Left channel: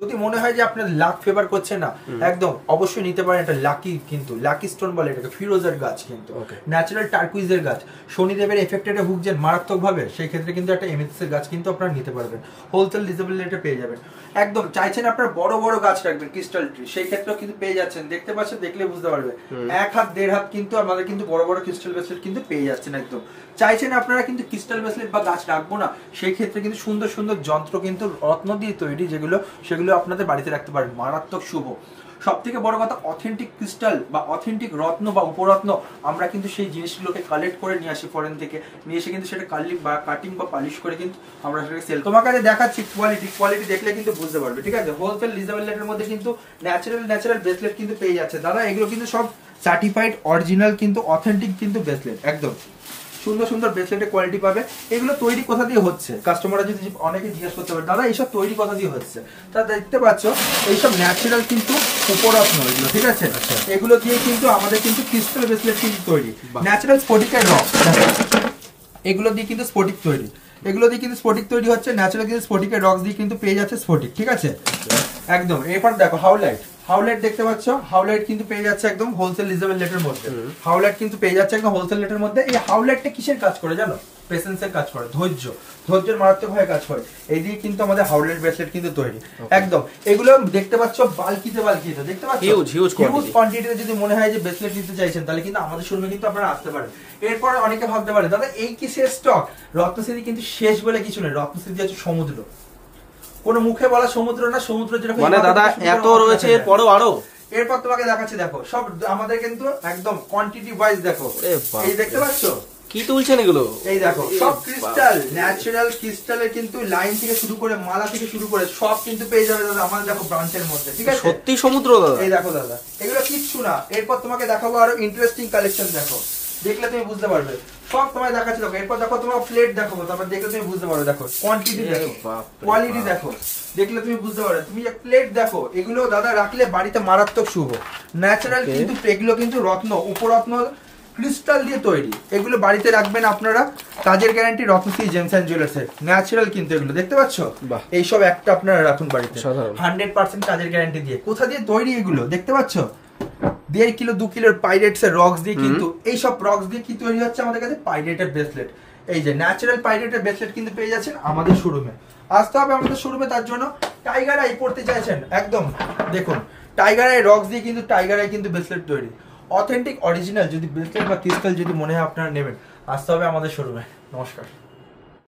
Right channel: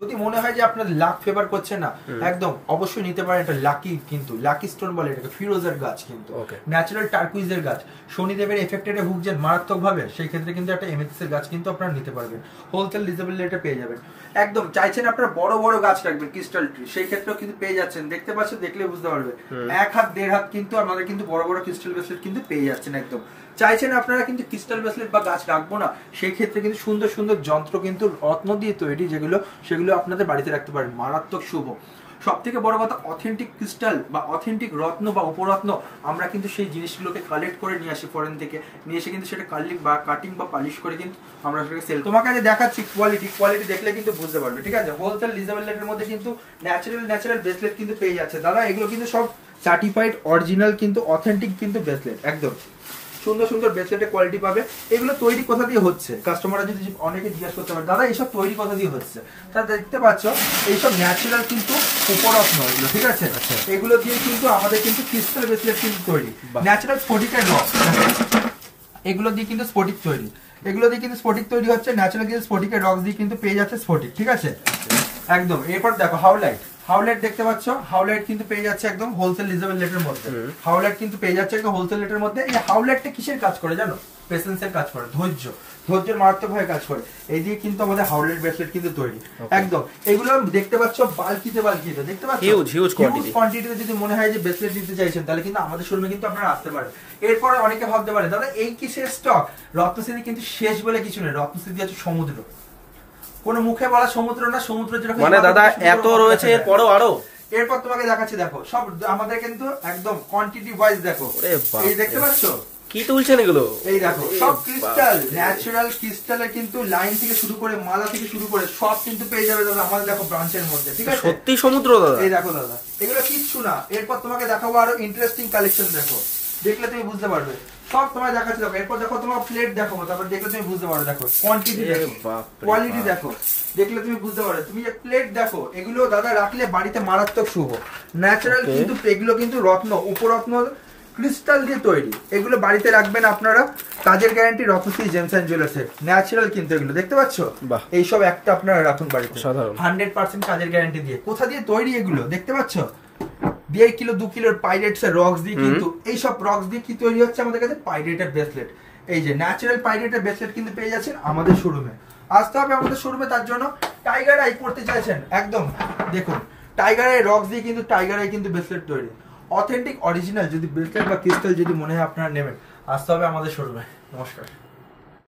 যদি মনে হয় যে আপনার লাক ফেভার করছে না, একদম অবশ্যই নিতে পারেন। এটা লাকি, কিন্তু লাকি স্টোন বলে এটাকে, ফিরোজের গাছ, কিন্তু ন্যাচারাল টার্কুইজের গাছ। শনিদেবের এফেক্টেডে ভুগছেন মারাত্মক ভাবে, সেই ক্ষেত্রে কিন্তু একটা এমেথিসের গাছ কিন্তু আপনারা নিতে পারবেন, হোলসেল রিজনেবল রেটে পেয়ে যাবেন। একদম চাইছেন আপনার বড় বড় গাছ রাখবেন, ক্রিস্টাল ট্রি, সেই ক্ষেত্রেও কিন্তু পেয়ে যাচ্ছেন। দেখতে পাচ্ছেন, দেখলে বুঝতে পারবে, 1 হাত 1.5 হাত কিন্তু আমাদের কিন্তু বড় বড় ক্রিস্টাল ব্রেসলেট কিন্তু পেয়ে যাচ্ছেন। একদম চাইছেন আপনারা কিন্তু ক্রিস্টাল ব্রেসলেট বা গাছ রাখবো না, সেই ক্ষেত্রে কিন্তু সুন্দর সুন্দর যন্ত্র কিন্তু রত্ন দিয়ে তৈরি, যেগুলো সেগুলো আপনাদের বাড়িতে রাখতে পারেন, মারাত্মক শুভ। সব থেকে বড় কথা, অথেন্টিক ক্রিস্টাল বা অথেন্টিক রত্ন বা উপরত্ন আমরা কিন্তু সেই জিনিসগুলোকে কালেক্ট করে নিয়ে আসি ফরেন থেকে, নিয়ে এসে কিন্তু সেটা কাটিং বা পালিশ করে কিন্তু আমরা সেটাকে সেল। তোমাকে আগে দেখাচ্ছি কোয়ালিটি দেখলে কিন্তু বুঝতে পারবে, ঠিক আছে। হোলসেল রিজনেবল রেটের মধ্যে কিন্তু ন্যাচারাল ব্রেসলেট কিন্তু পেয়ে যাচ্ছে দাদা। এগুলো কিন্তু সব সার্টিফাইড অরিজিনাল, কিন্তু অথেন্টিক কিন্তু ব্রেসলেট, একদম সুন্দর সুন্দর ব্রেসলেটের কোয়ালিটি পাবে। এগুলো তৈরি কোথা দিয়ে হচ্ছে, কাস্টমাররা যদি অনেকে জিজ্ঞাসা করতে পারে, দাদা এইসব তৈরি কোথা দিয়ে হচ্ছে, তা দেখতে পাচ্ছ এইসব ন্যাচারাল কিন্তু উপরত্ন এগুলো, ঠিক আছে। এগুলো দিয়ে কিন্তু আমাদের কিন্তু ক্রিস্টাল ব্রেসলেট কিন্তু তৈরি, ন্যাচারাল স্ফটিকের রক, এগুলো দিয়ে কিন্তু স্ফটিক তৈরি, এগুলো দিয়ে কিন্তু স্ফটিক তৈরি হচ্ছে, ন্যাচারাল কিন্তু স্ফটিকের রক দিয়ে কিন্তু পেয়ে যাচ্ছে স্ফটিক, ঠিক আছে একদম। এরপর দেখো হাউলাইট দেখতে পাচ্ছ, হাউলাইট কিন্তু পেয়ে যাচ্ছে একদম হোলসেল রিজনেবল রেটের মধ্যে। হাউলাইট কিন্তু পেয়ে যাচ্ছে একদম হোলসেল রেটের মধ্যে। এই হাউলাইটটা কিসের কাজ করে জানো? পেশেন্সের কাজ করে, ধৈর্যের মারাত্মক ভাবে কাজ করে। এই দিয়ে কিন্তু আমাদের হাউলাইট ব্রেসলেট কিন্তু তৈরি, একদম। এগুলো দেখতে পাচ্ছ বালকিতে দেখতে পাচ্ছ, হিউজ কোয়ান্টিটিতে। যদি মনে হয় যে ব্রেসলেট দিতে চাইছেন, তাহলে কিন্তু আমাদের শোরুমে কিন্তু আপনারা আসতে পারেন। এরপর অনেকে ভাবতে পারে, দাদা এই কিসের স্টক? রত্নসিদ্ধি কিন্তু শেষ বলে কিছু নেই, রত্নসিদ্ধি হচ্ছে সমুদ্র, কোন মুখে বলা সমুদ্র না, সমুদ্র যেরকম মানে দাদা এত রয়েছে, এরপরও আরো। এরপর তোমাকে দেখাচ্ছি, দেখো সব আমাদের কিন্তু একদম কোয়ান্টিটি ওয়াইজ। দেখো এই দেখতে পাচ্ছ কি তুলছেন এগুলো, এই দেখো সব ক্রিস্টাল, ন্যাচারাল ক্রিস্টালের কিন্তু লাইন থেকে শুরু করে মালা থেকে শুরু করে সব কিন্তু পেয়ে যাবে দাদা আমাদের দেখো ব্রাঞ্চের মধ্যে, ঠিক আছে। সত্যি সমুদ্র দাদা, এই দেখো দাদা, এগুলো কিচ্ছু না। এরপর তোমাকে দেখাবো আরো ইন্টারেস্টিং কালেকশন, দেখো দেখলে তুমি বুঝতে পারবে, সব তোমায় দেখাচ্ছি। দেখো এরপর দেখো তোমার প্লেট দেখো, তারপর দেখলে তুমি বুঝতে পারবে, দেখো কোয়ান্টিটি দেখো, কোয়ালিটি দেখো, দেখলে তুমি বুঝতে পারবে। তুমি প্লেট দেখো, এগুলো দাদা রাখলে বাড়িতে মারাত্মক শুভ, ন্যাচারাল কিন্তু, এগুলো কিন্তু রত্ন উপরত্ন ক্রিস্টাল দিয়ে তৈরি। এগুলো বাড়িতে রাখবেন আপনারা, কাজের গ্যারান্টি রত্নশ্রী জেমস এন্ড জুয়েলার্সের, ন্যাচারাল কিন্তু এগুলো দেখতে পাচ্ছ। এইসব একটা আপনারা রাখুন বাড়িতে, 100% কাজের গ্যারান্টি দিয়ে। কোথা দিয়ে তৈরি এগুলো দেখতে পাচ্ছ, 1.5 কিলো 2 কিলোর পাইরেটস এর রক্স দিয়ে কিন্তু, এইসব রক্স দিয়ে কি তৈরি হচ্ছে আমাদের কাছে, পাইরেটের ব্রেসলেট। এই যে ন্যাচারাল পাইরেটের ব্রেসলেট কিন্তু পেয়ে যাচ্ছেন আমাদের শোরুমে। আসতে হবে আমাদের শোরুমে, তার জন্য টাইগার আই পড়তে চাইছেন, একদম দেখুন টাইগার আই রক্স দিয়ে কিন্তু টাইগার আই কিন্তু ব্রেসলেট তৈরি, অথেন্টিক অরিজিনাল। যদি ব্রেসলেট বা ক্রিস্টাল যদি মনে হয় আপনারা নেবেন, আসতে হবে আমাদের শোরুমে। নমস্কার।